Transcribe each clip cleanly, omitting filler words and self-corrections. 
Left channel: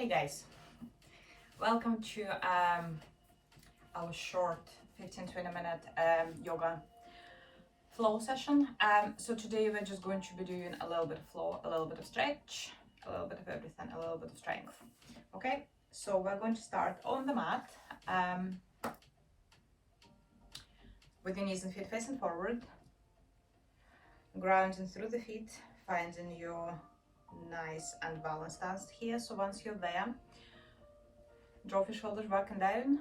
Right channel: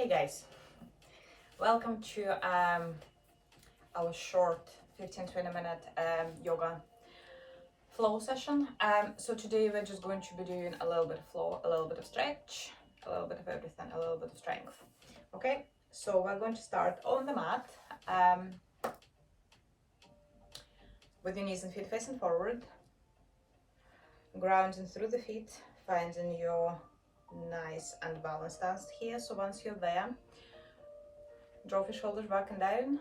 Hey guys, welcome to our short 15-20 minute yoga flow session. So today we're just going to be doing a little bit of flow, a little bit of stretch, a little bit of everything, a little bit of strength. Okay, so we're going to start on the mat with your knees and feet facing forward, grounding through the feet, finding your nice and balanced stance here. So once you're there, drop your shoulders back and down,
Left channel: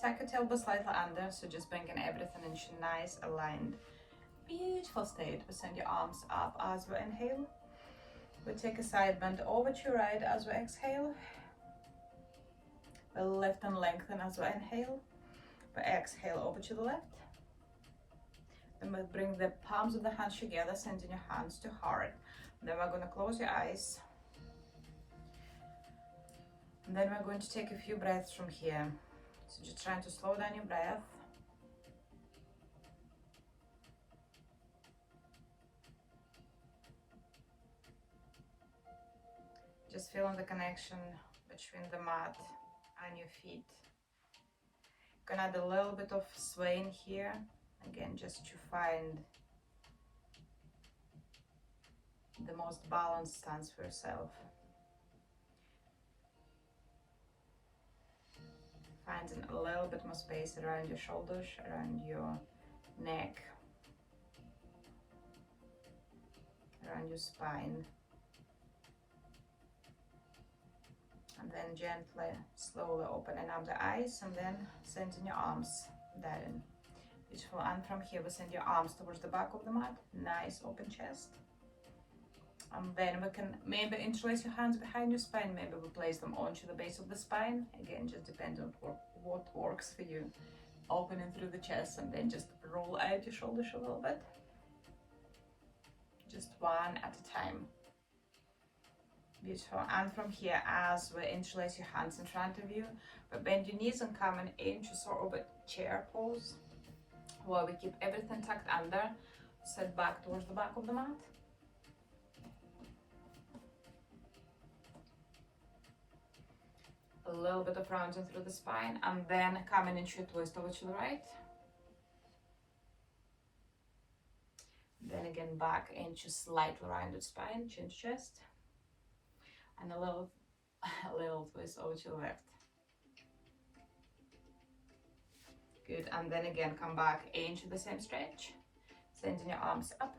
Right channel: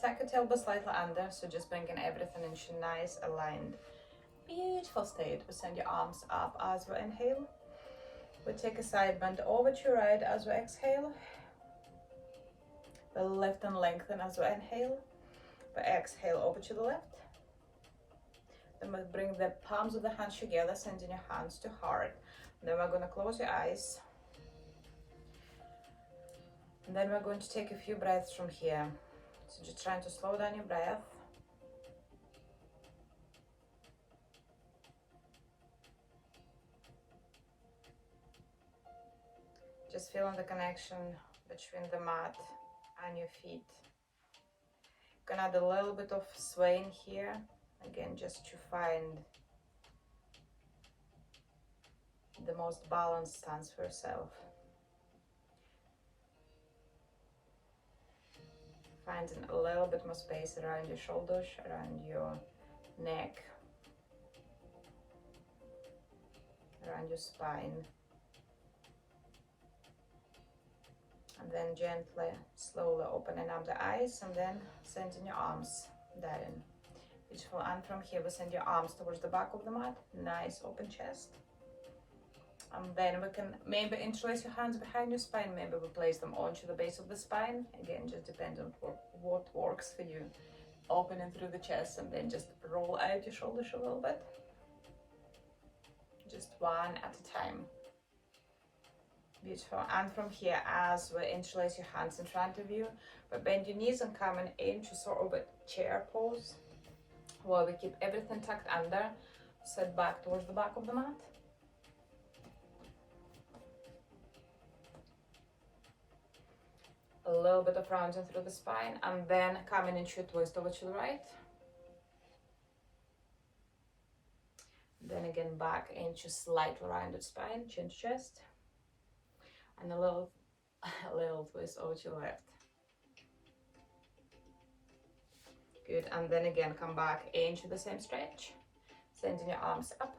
tuck your tailbone slightly under, so just bringing everything into nice aligned beautiful state. We send your arms up as we inhale. We take a side bend over to your right as we exhale. We lift and lengthen as we inhale. We exhale over to the left. Then we bring the palms of the hands together, sending your hands to heart. Then we're going to close your eyes. And then we're going to take a few breaths from here. So just trying to slow down your breath. Just feeling the connection between the mat and your feet. You can add a little bit of swaying here, again, just to find the most balanced stance for yourself. Finding a little bit more space around your shoulders, around your neck, around your spine. And then gently, slowly opening up the eyes and then sending your arms down. Beautiful. And from here, we send your arms towards the back of the mat. Nice open chest. And then we can maybe interlace your hands behind your spine. Maybe we place them onto the base of the spine. Again, just depends on what works for you. Opening through the chest and then just roll out your shoulders a little bit. Just one at a time. Beautiful. And from here, as we interlace your hands in front of you, but bend your knees and coming into sort of a chair pose, while we keep everything tucked under, set back towards the back of the mat. A little bit of rounding through the spine, and then coming into a twist over to the right. Then again back into slightly rounded spine, chin to chest. And a little twist over to the left. Good, and then again come back into the same stretch. Sending your arms up.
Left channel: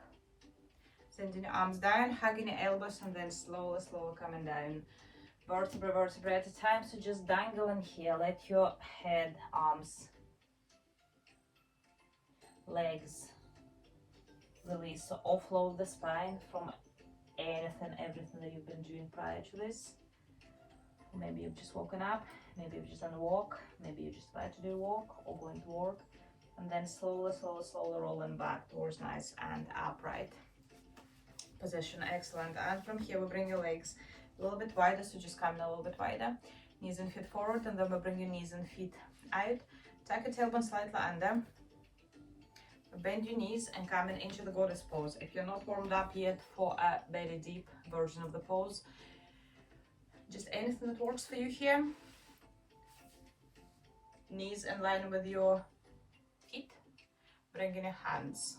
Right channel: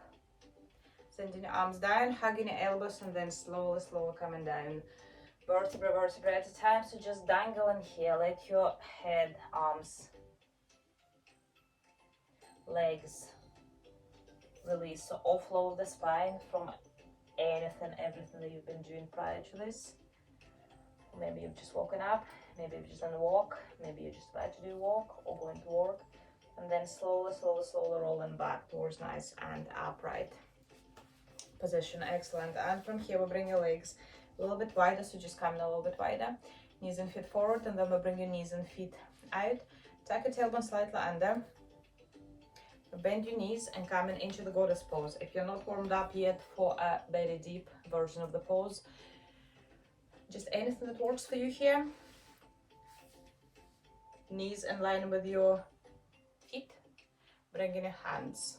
Sending your arms down, hugging your elbows, and then slowly coming down. Vertebra at a time, so just dangle in here. Let your head, arms, legs release. So offload the spine from everything that you've been doing prior to this. Maybe you've just woken up, maybe you've just done a walk, maybe you're just about to do a walk or going to work. And then slowly rolling back towards nice and upright position. Excellent. And from here we bring your legs a little bit wider, so just coming a little bit wider. Knees and feet forward, and then we bring your knees and feet out. Tuck your tailbone slightly under. Bend your knees and coming into the goddess pose. If you're not warmed up yet for a very deep version of the pose, just anything that works for you here. Knees in line with your feet. Bringing your hands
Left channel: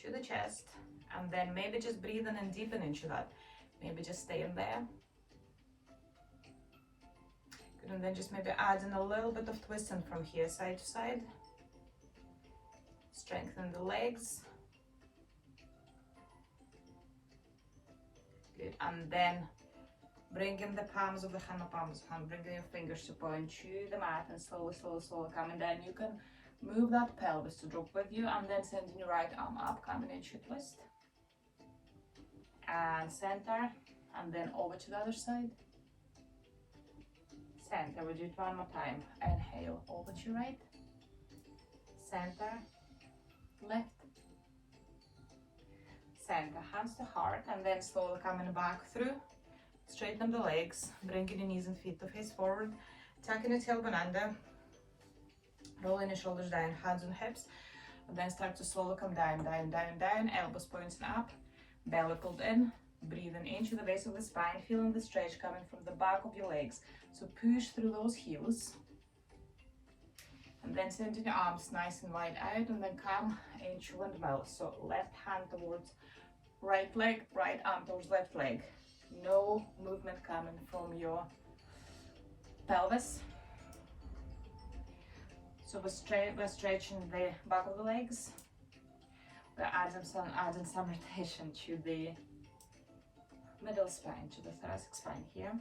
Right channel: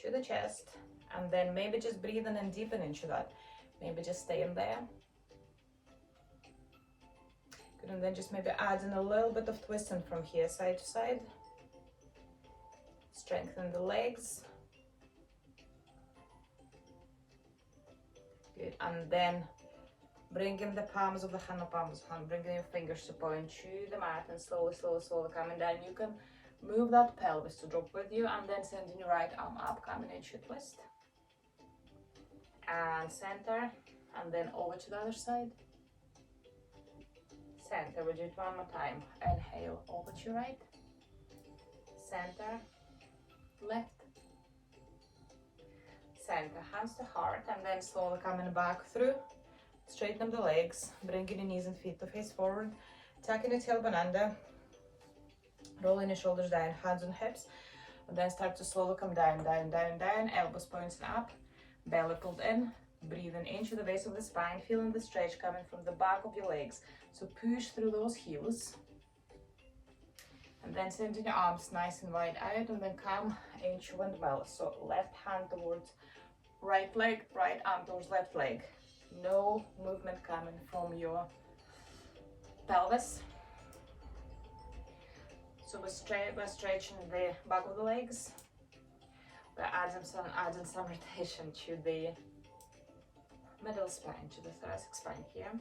to the chest, and then maybe just breathing and deepen into that. Maybe just staying there. Good, and then just maybe adding a little bit of twisting from here, side to side. Strengthen the legs. Good, and then bringing the palms of the hand, bringing your fingers to point to the mat and slowly coming down. You can move that pelvis to drop with you, and then sending your right arm up, coming into a twist. And center, and then over to the other side. Center, we'll do it one more time. Inhale, over to your right. Center, left. Center, hands to heart, and then slowly coming back through. Straighten the legs, bringing your knees and feet to face forward. Tucking your tailbone under. Rolling your shoulders down, hands on hips. And then start to slowly come down. Elbows pointing up. Belly pulled in, Breathing into the base of the spine, feeling the stretch coming from the back of your legs. So push through those heels. And then sending your arms nice and wide out, and then come into windmill. So left hand towards right leg, right arm towards left leg. No movement coming from your pelvis. So we're stretching the back of the legs. We're adding some rotation to the middle spine, to the thoracic spine here.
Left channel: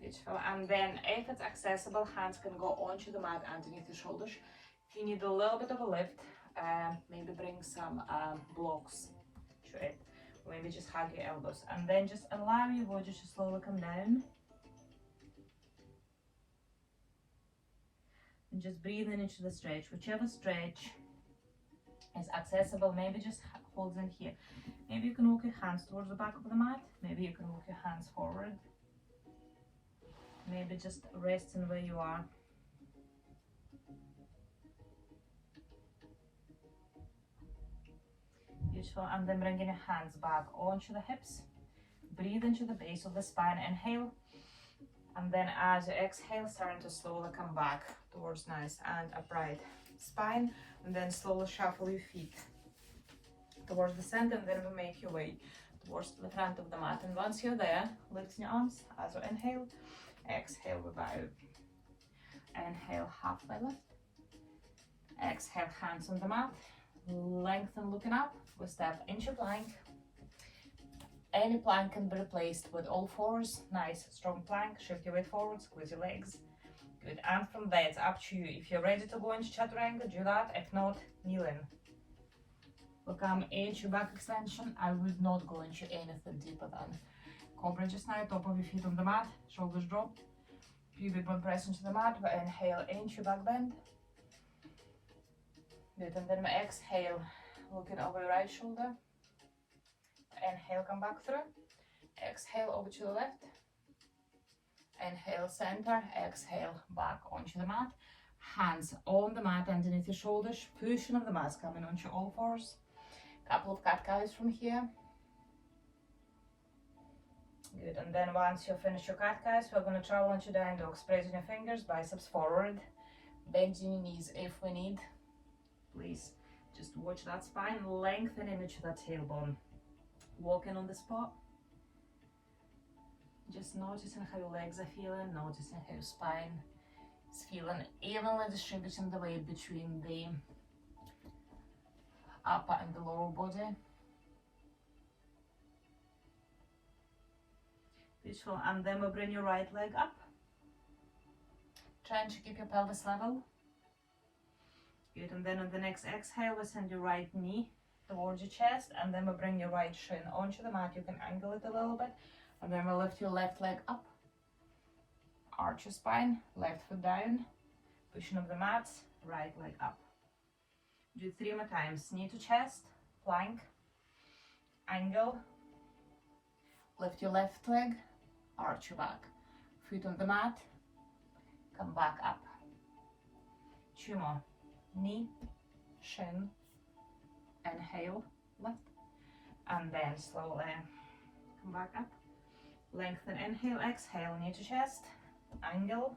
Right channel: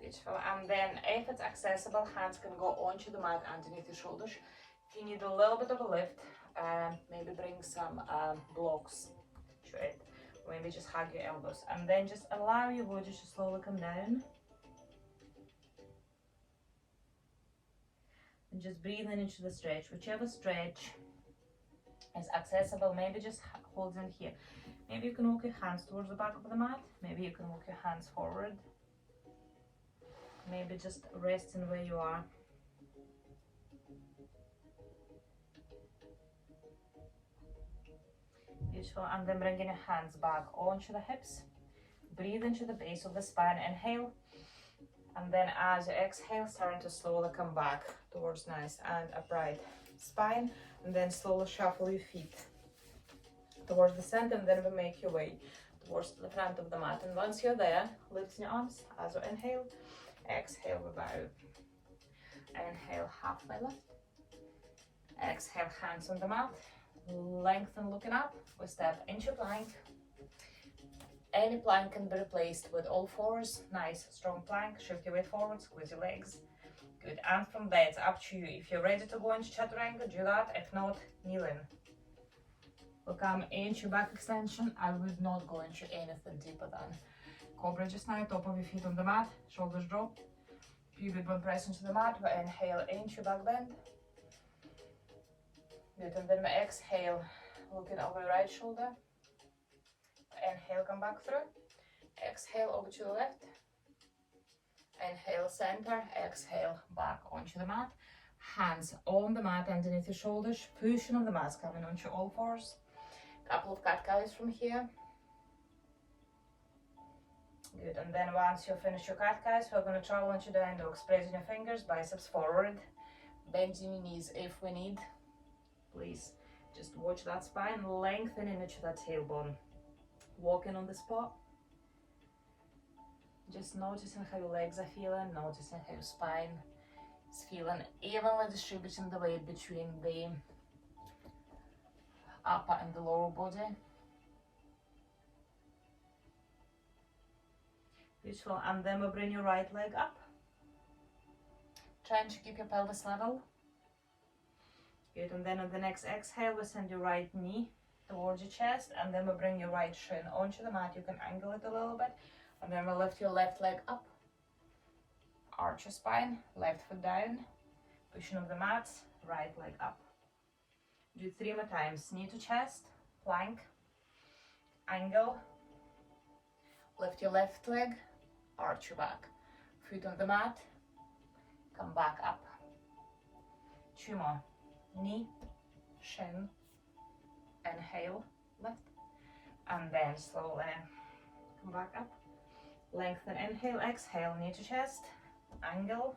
Beautiful. And then if it's accessible, hands can go onto the mat underneath your shoulders. If you need a little bit of a lift, maybe bring some blocks to it. Or maybe just hug your elbows. And then just allow your body to slowly come down. And just breathing into the stretch. Whichever stretch is accessible, maybe just hold in here. Maybe you can walk your hands towards the back of the mat. Maybe you can walk your hands forward. Maybe just resting where you are. Beautiful. And then bringing your hands back onto the hips. Breathe into the base of the spine. Inhale. And then as you exhale, starting to slowly come back towards nice and upright spine. And then slowly shuffle your feet towards the center, and then we make your way towards the front of the mat. And once you're there, lift your arms as you inhale. Exhale, we bow. Inhale, halfway lift. Exhale, hands on the mat. Lengthen, looking up. We step into plank. Any plank can be replaced with all fours. Nice, strong plank. Shift your weight forward, squeeze your legs. Good. And from there, it's up to you. If you're ready to go into chaturanga, do that. If not, kneel in. We'll come into back extension. I would not go into anything deeper than cobra just now. Top of your feet on the mat, shoulders dropped. Pivot bone press into the mat. We inhale into back bend. Good. And then we exhale, looking over your right shoulder. Inhale, come back through. Exhale over to the left. Inhale, center. Exhale, back onto the mat. Hands on the mat underneath your shoulders. Pushing on the mat, coming onto all fours. Couple of cat cows from here. Good. And then once you finish your cat cows, we're going to travel into down dog. Spreading your fingers, biceps forward. Bending your knees if we need. Please just watch that spine, lengthening into that tailbone. Walking on the spot. Just noticing how your legs are feeling, noticing how your spine is feeling, evenly distributing the weight between the upper and the lower body. Beautiful. And then we'll bring your right leg up. Trying to keep your pelvis level. Good. And then on the next exhale, we send your right knee towards your chest, and then we'll bring your right shin onto the mat. You can angle it a little bit. And then we'll lift your left leg up. Arch your spine, left foot down. Pushing up the mat, right leg up. Do 3 more times. Knee to chest, plank, angle. Lift your left leg, arch your back. Foot on the mat, come back up. 2 more. Knee, shin, inhale, lift. And then slowly come back up. Lengthen, inhale, exhale, knee to chest, angle,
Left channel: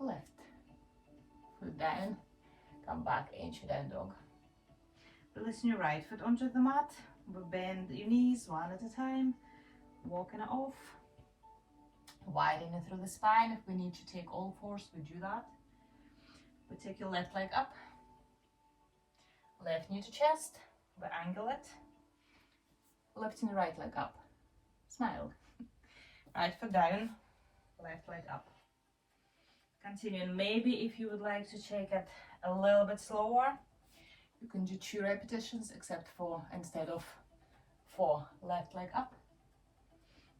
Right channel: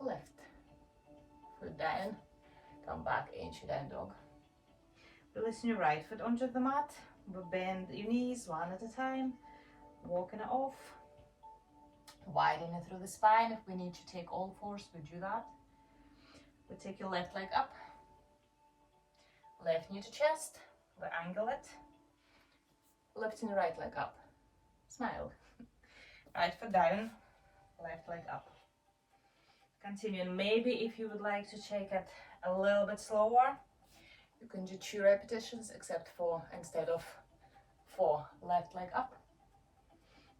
lift, foot down, come back into down dog. Releasing your right foot onto the mat, bend your knees one at a time, walking it off, widening through the spine. If we need to take all fours, we do that. We take your left leg up, left knee to chest, we angle it, lifting your right leg up. Smile. Right foot down, left leg up. Continuing. Maybe if you would like to take it a little bit slower, you can do 2 repetitions, except for instead of 4. Left leg up.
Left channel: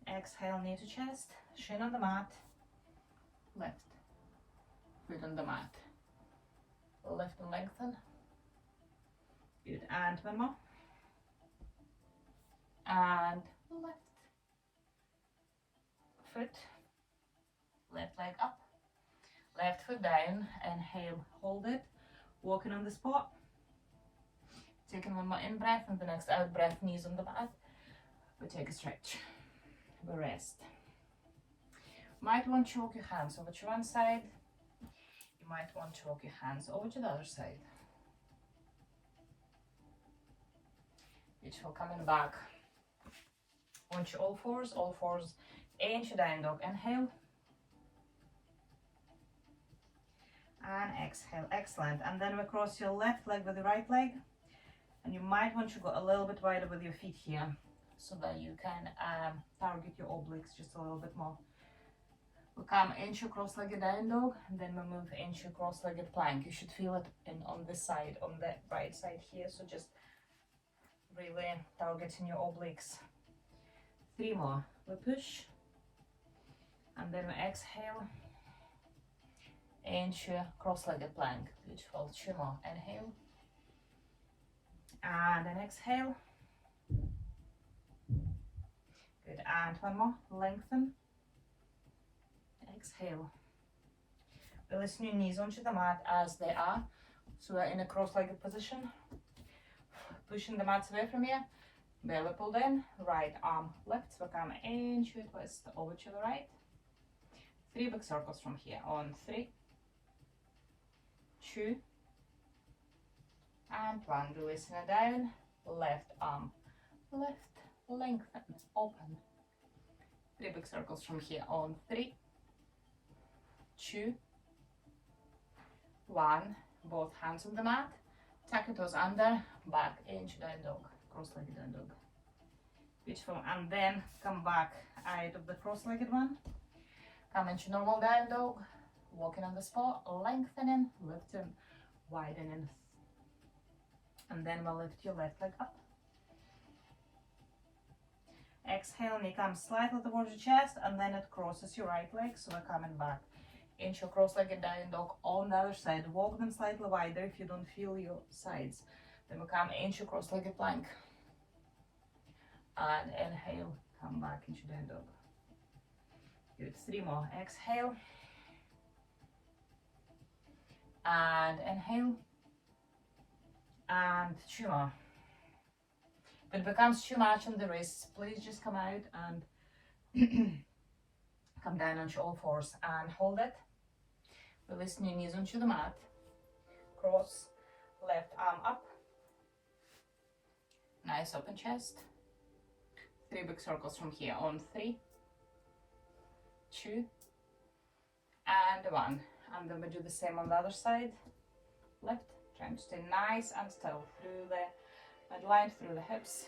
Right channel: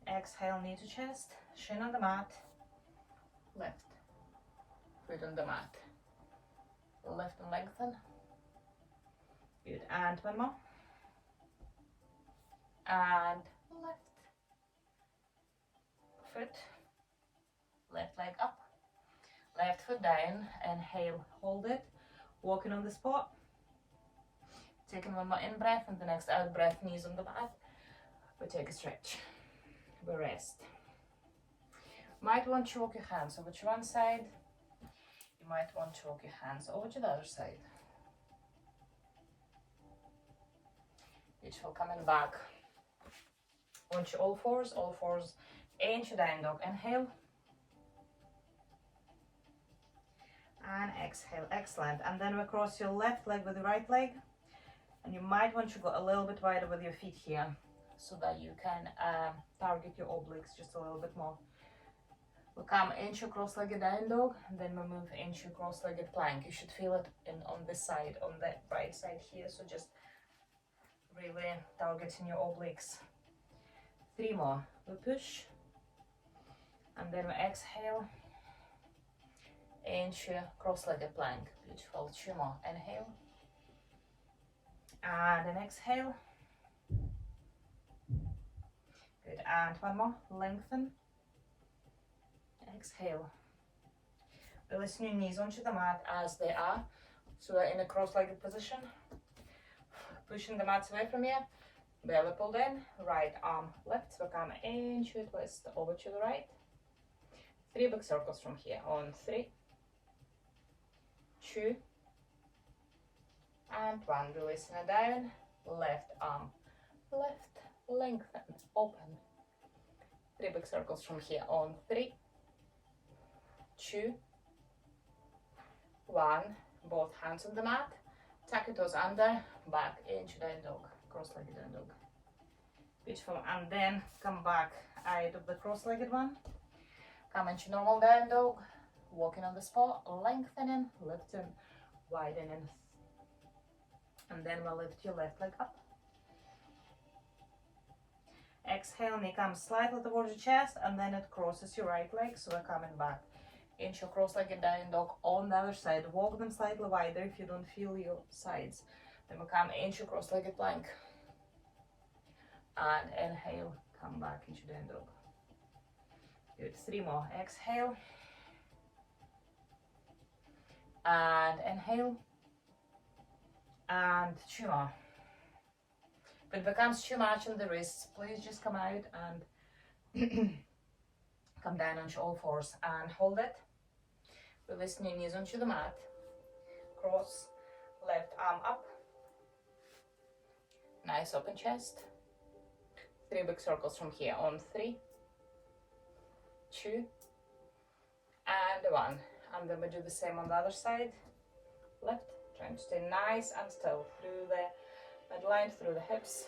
Exhale, knee to chest, shin on the mat, lift, foot on the mat. Lift and lengthen. Good. And 1 more. And lift. Foot, left leg up, left foot down, inhale, hold it, walking on the spot, Taking one more in breath, and the next out breath, knees on the mat. We take a stretch. We rest. Might want to walk your hands over to one side. You might want to walk your hands over to the other side. Beautiful. Coming back onto all fours into down dog. Inhale and exhale. Excellent. And then we cross your left leg with the right leg, and you might want to go a little bit wider with your feet here so that you can target your obliques just a little bit more. We come into cross-legged down dog, and then we move into cross-legged plank. You should feel it on this side, on the right side here, so just really targeting your obliques. 3 more. We push, and then we exhale into cross-legged plank. Beautiful. 2 more. Inhale, and then exhale. Good. And 1 more. Lengthen. Exhale. Release your knees onto the mat as they are, so we're in a cross-legged position. Pushing the mats away from you, belly pulled in, right arm lifts, we come into a twist, over to the right. 3 big circles from here, on 3, 2, and 1. Releasing it down, left arm lift, lengthen, open. 3 big circles from here, on 3, 2, 1. Both hands on the mat. Tuck your toes under, back into down dog, cross-legged down dog. Beautiful. And then come back out of the cross-legged one. Come into normal down dog, walking on the spot, lengthening, lifting, widening. And then we'll lift your left leg up. Exhale, knee comes slightly towards your chest, and then it crosses your right leg, so we're coming back into cross-legged down dog on the other side. Walk them slightly wider if you don't feel your sides. Then we come into cross-legged plank. And inhale, come back into down dog. Good. 3 more. Exhale. And inhale. And 2 more. When it becomes too much on the wrists, please just come out and come down onto all fours and hold it. Release your knees onto the mat. Cross left arm up. Nice open chest. 3 big circles from here, on 3, 2, and 1. And then we do the same on the other side. Lift, trying to stay nice and still through the midline, through the hips,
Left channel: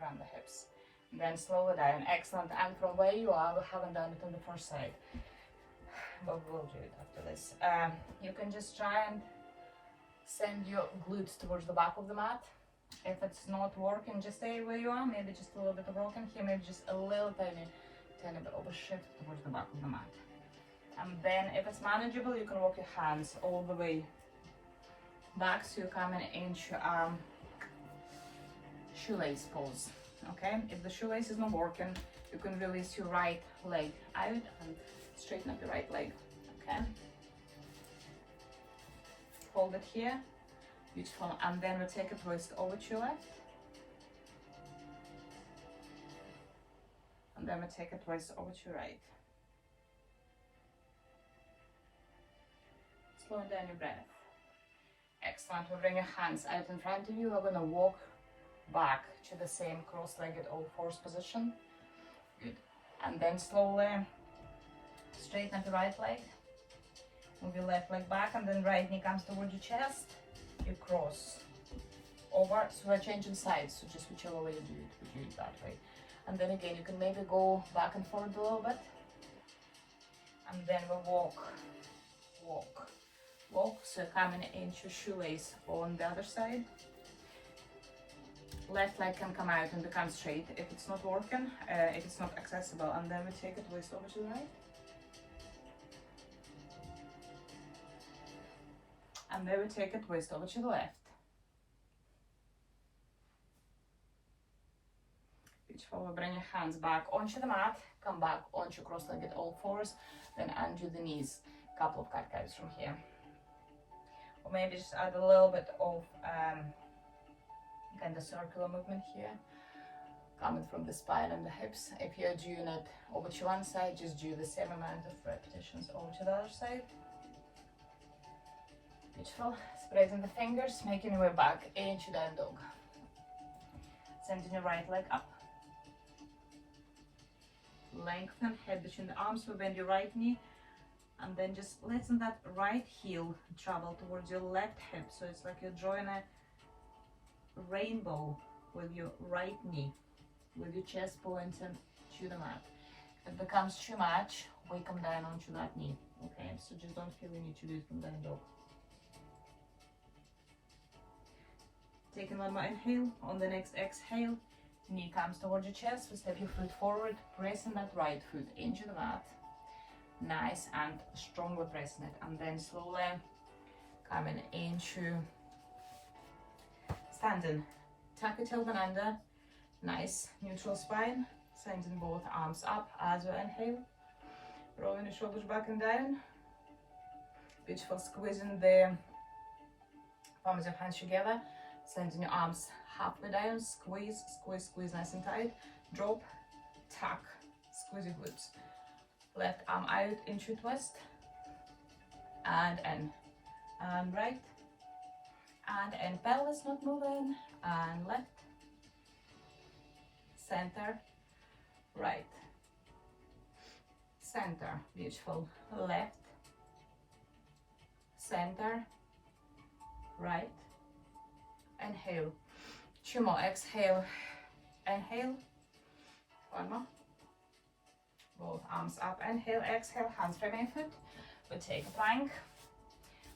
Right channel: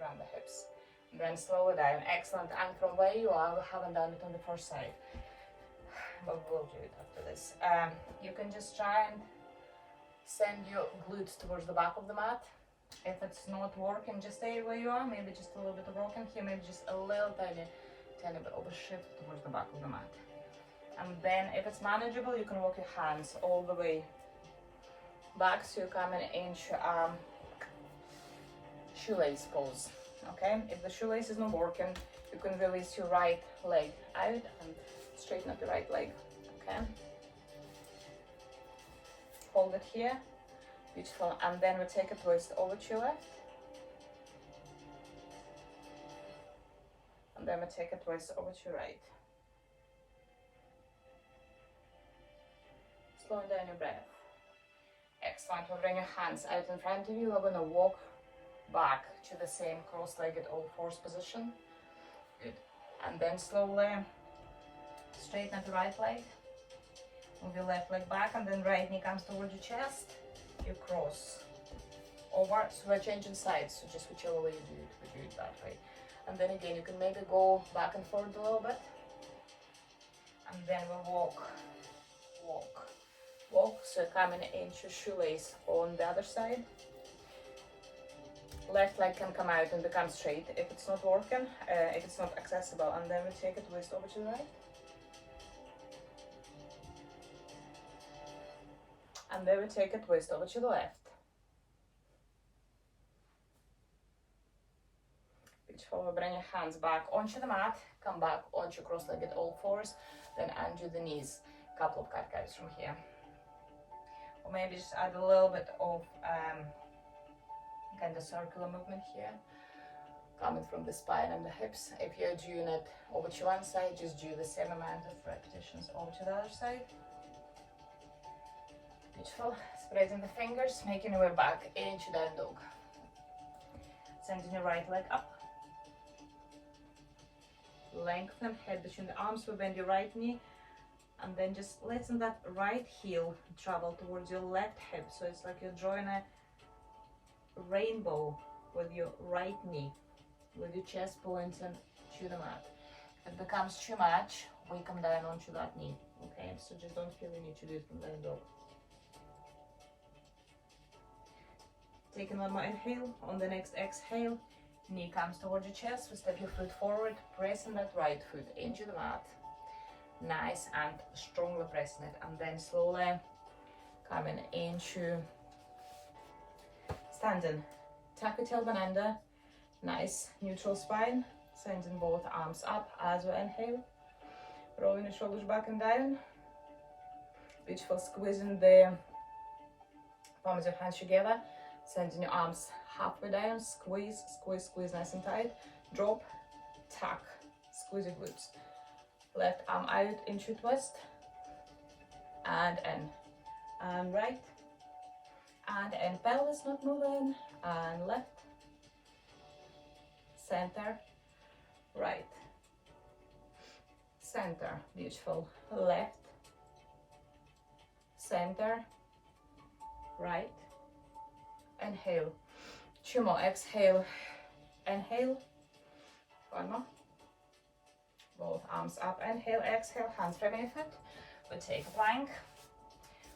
around the hips. And then slow it down. Excellent. And from where you are, we haven't done it on the first side, but we'll do it after this. You can just try and send your glutes towards the back of the mat. If it's not working, just stay where you are. Maybe just a little bit of working here, maybe just a little tiny bit of a shift towards the back of the mat. And then if it's manageable, you can walk your hands all the way back, so you're coming into shoelace pose. Okay, if the shoelace is not working, you can release your right leg out and straighten up the right leg. Okay, hold it here. Beautiful. And then we take a twist over to your left, and then we take a twist over to your right. Slow down your breath. Excellent. We'll bring your hands out in front of you. We're going to walk back to the same cross-legged all fours position. Good. And then slowly straighten up the right leg. Move your left leg back, and then right knee comes towards your chest. You cross over, so we're changing sides, so just whichever way you do it, we do it that way. And then again, you can maybe go back and forth a little bit, and then we'll walk, so coming into shoelace on the other side. Left leg can come out and become straight if it's not working, if it's not accessible, and then we take a twist over to the right. And then we take a twist over to the left. Beautiful. We bring your hands back onto the mat, come back onto cross-legged all fours, then undo the knees. A couple of cat cows from here. Or maybe just add a little bit of kind of circular movement here, coming from the spine and the hips. If you're doing it over to one side, just do the same amount of repetitions over to the other side. Beautiful. Spreading the fingers, making your way back into down dog. Sending your right leg up. Lengthen head between the arms, we bend your right knee, and then just letting that right heel travel towards your left hip. So it's like you're drawing a rainbow with your right knee, with your chest pointing to the mat. If it becomes too much, we come down onto that knee. Okay, so just don't feel you need to do it from down dog. Taking one more inhale. On the next exhale, knee comes towards your chest. We step your foot forward, pressing that right foot into the mat. Nice and strongly pressing it, and then slowly coming into standing. Tuck your tailbone under. Nice neutral spine. Sending both arms up as we inhale. Rolling the shoulders back and down. Beautiful. Squeezing the palms of your hands together. Sending your arms halfway down. Squeeze, squeeze, squeeze nice and tight. Drop, tuck, squeeze your glutes. Left arm out into twist. And in. And right. And in. Pelvis not moving. And left. Center. Right. Center. Beautiful. Left. Center. Right. Inhale. Two more. Exhale. Inhale. One more. Both arms up. Inhale. Exhale. Hands from your foot. We take a plank.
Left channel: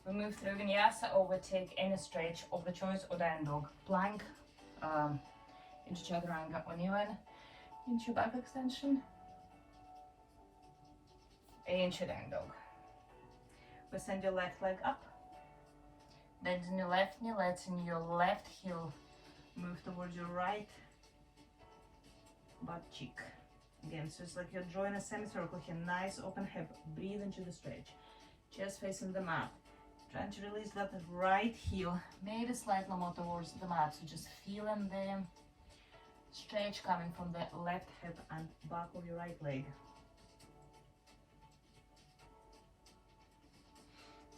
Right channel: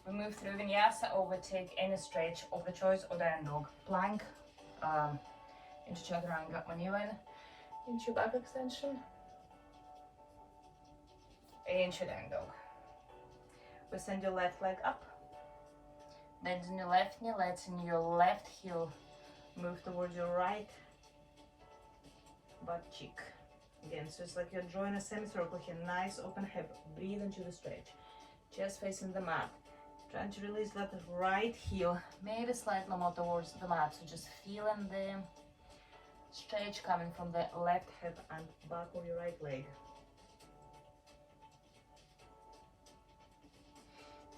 We move through vinyasa, or we take any stretch of the choice, or down dog. Plank. Into chaturanga on you in. Into back extension. Into down dog. We send your left leg up. Bending your left knee, letting your left heel move towards your right butt cheek. Again, so it's like you're drawing a semicircle here. Nice open hip. Breathe into the stretch. Chest facing the mat. Trying to release that right heel, maybe slightly more towards the mat. So just feeling the stretch coming from the left hip and back of your right leg.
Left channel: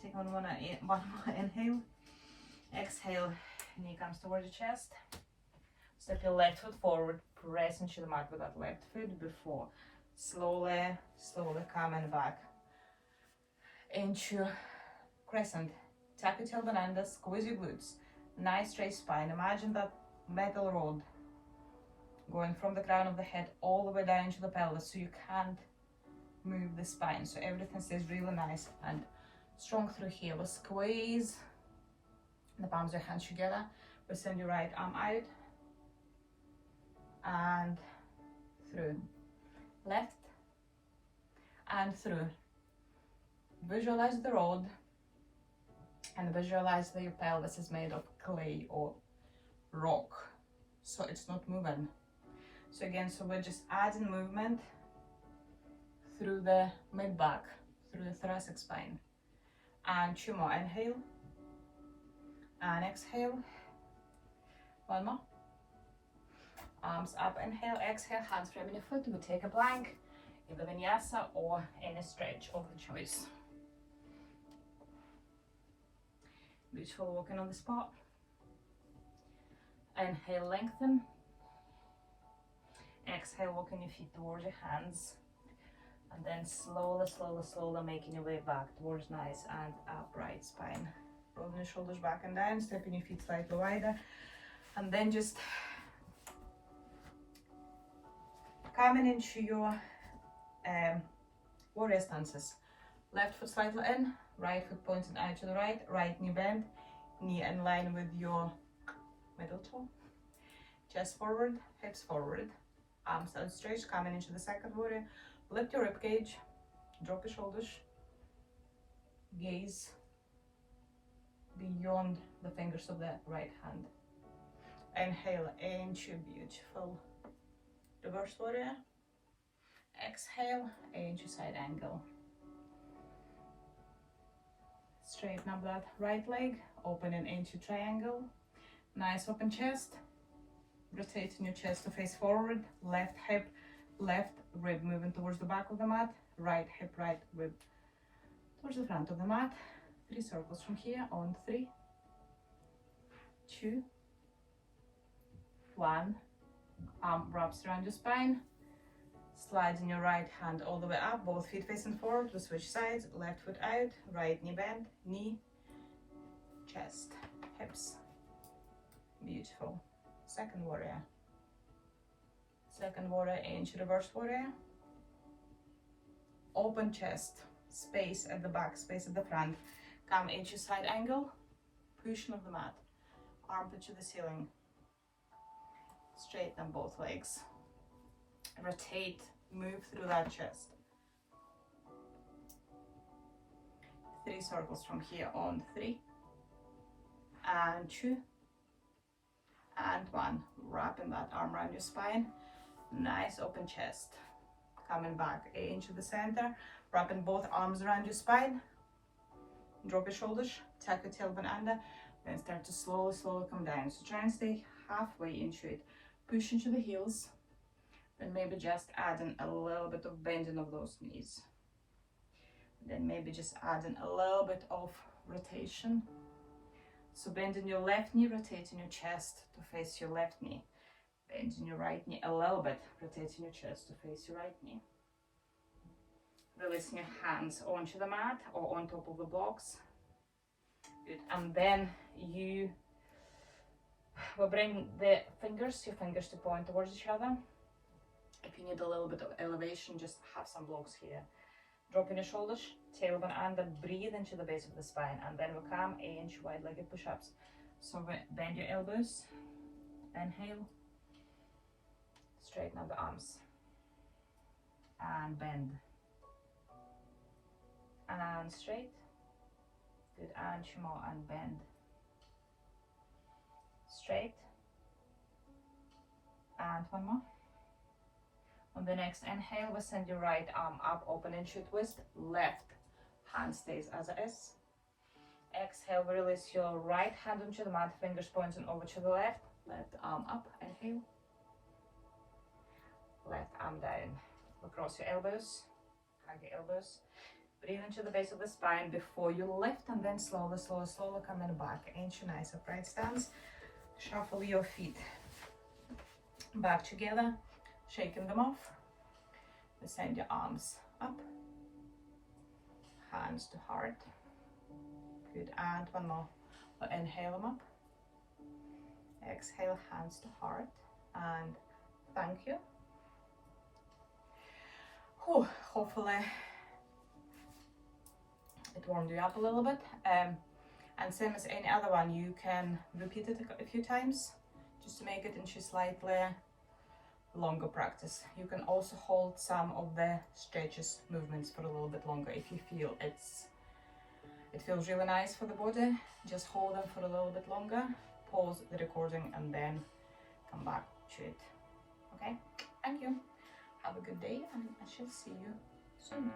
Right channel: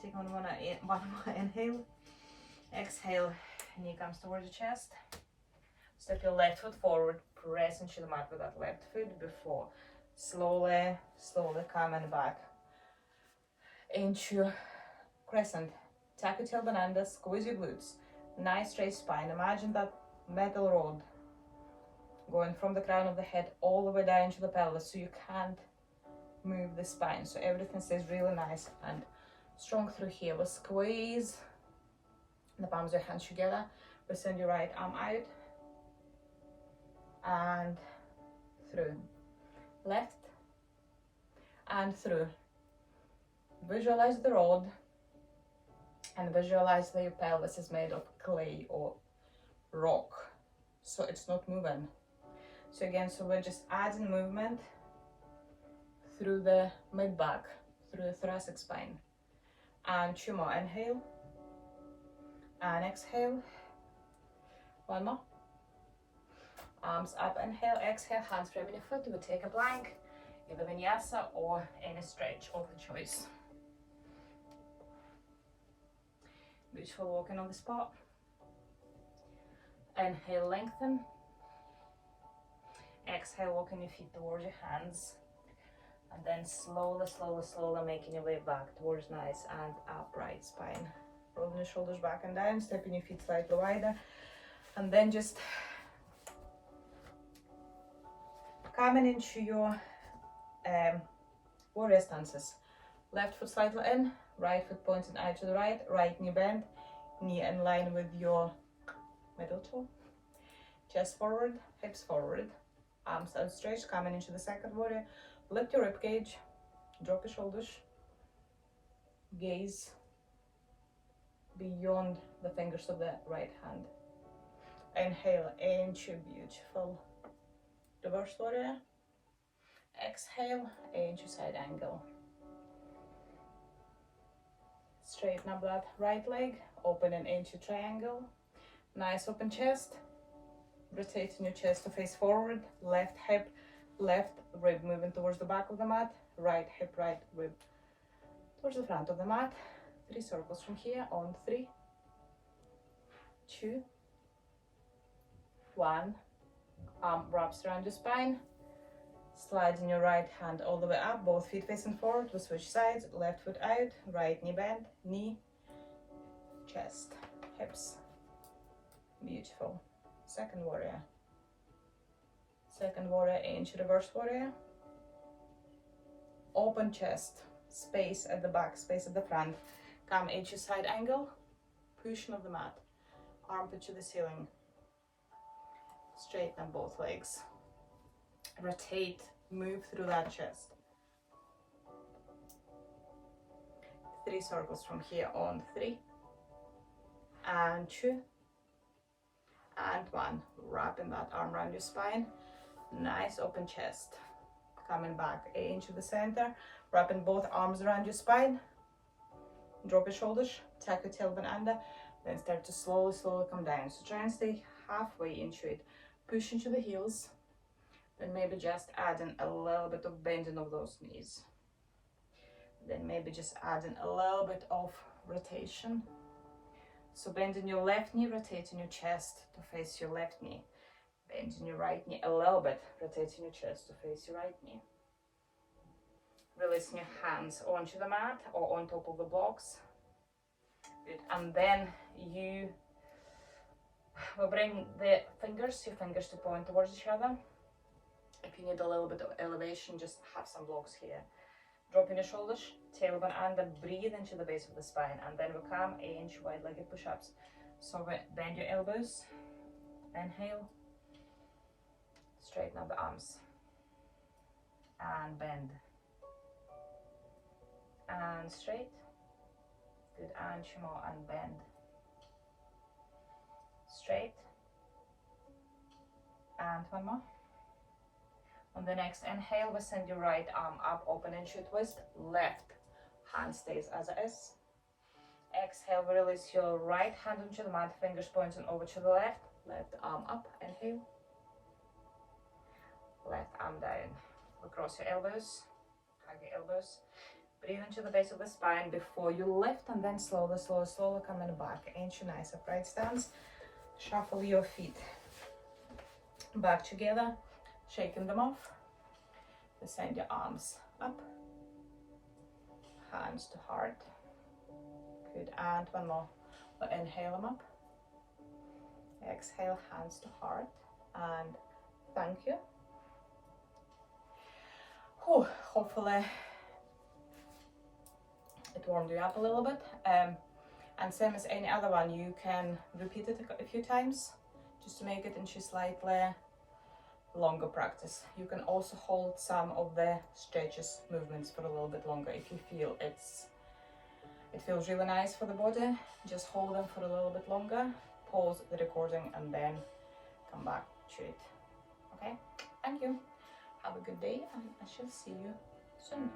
Take one more inhale. Exhale, knee comes towards your chest. Step your left foot forward, press into the mat with that left foot before. Slowly, slowly coming back into crescent. Tuck your tailbone under, squeeze your glutes. Nice straight spine. Imagine that metal rod going from the crown of the head all the way down to the pelvis, so you can't move the spine. So everything stays really nice and strong through here. We squeeze the palms of your hands together. We send your right arm out and through. Left and through. Visualize the rod and visualize that your pelvis is made of clay or rock, so it's not moving. So again, so we're just adding movement through the mid-back, through the thoracic spine. And two more. Inhale and exhale. One more. Arms up. Inhale, exhale. Hands framing your foot. We take a plank, either vinyasa or any stretch of the choice. Beautiful. Walking on the spot. Inhale, lengthen. Exhale, walking your feet towards your hands. And then slowly, slowly, slowly making your way back towards nice and upright spine. Rolling your shoulders back and down, stepping your feet slightly wider. And then just coming into your warrior stances. Left foot slightly in, right foot pointing out to the right, right knee bend, knee in line with your middle toe. Chest forward, hips forward, arms outstretched, coming into the second warrior. Lift your rib cage, drop your shoulders, gaze beyond the fingers of the right hand. Inhale into beautiful reverse warrior. Exhale into side angle. Straighten up that right leg, opening into triangle. Nice open chest, rotating your chest to face forward, left hip, left rib moving towards the back of the mat, right hip, right rib towards the front of the mat. 3 circles from here on 3, 2, 1. Arm wraps around your spine, sliding your right hand all the way up, both feet facing forward. We switch sides, left foot out, right knee bend, knee, chest, hips. Beautiful. Second warrior. Second warrior into reverse warrior. Open chest, space at the back, space at the front. Come into side angle, pushing of the mat, armpit to the ceiling. Straighten up both legs. Rotate, move through that chest. 3 circles from here on 3, and 2, and 1. Wrapping that arm around your spine. Nice open chest. Coming back into the center, wrapping both arms around your spine. Drop your shoulders, tuck your tailbone under, then start to slowly come down. So try and stay halfway into it. Push into the heels, then maybe just adding a little bit of bending of those knees. Then maybe just adding a little bit of rotation. So bending your left knee, rotating your chest to face your left knee. Bending your right knee a little bit, rotating your chest to face your right knee. Releasing your hands onto the mat or on top of the blocks. Good. And then you will bring your fingers to point towards each other. If you need a little bit of elevation, just have some blocks here. Dropping your shoulders, tailbone under, breathe into the base of the spine, and then we come into wide-legged push-ups. So bend your elbows, inhale, straighten up the arms, and bend, and straight, good, and 2 more, and bend, straight, and 1 more. On the next inhale, we send your right arm up, open into a twist, left hand stays as it is. Exhale, release your right hand onto the mat, fingers pointing over to the left, left arm up, inhale, left arm down, across your elbows, hug your elbows, breathe into the base of the spine before you lift, and then slowly coming back into nice upright stance. Shuffle your feet back together, shaking them off. Send your arms up, hands to heart. Good, and 1 more. We'll inhale them up, exhale, hands to heart, and thank you. Hopefully it warmed you up a little bit, and same as any other one, you can repeat it a few times just to make it into slightly longer practice. You can also hold some of the stretches movements for a little bit longer if you feel it feels really nice for the body. Just hold them for a little bit longer, pause the recording, and then come back to it. Okay, thank you, have a good day, and I shall see you soon.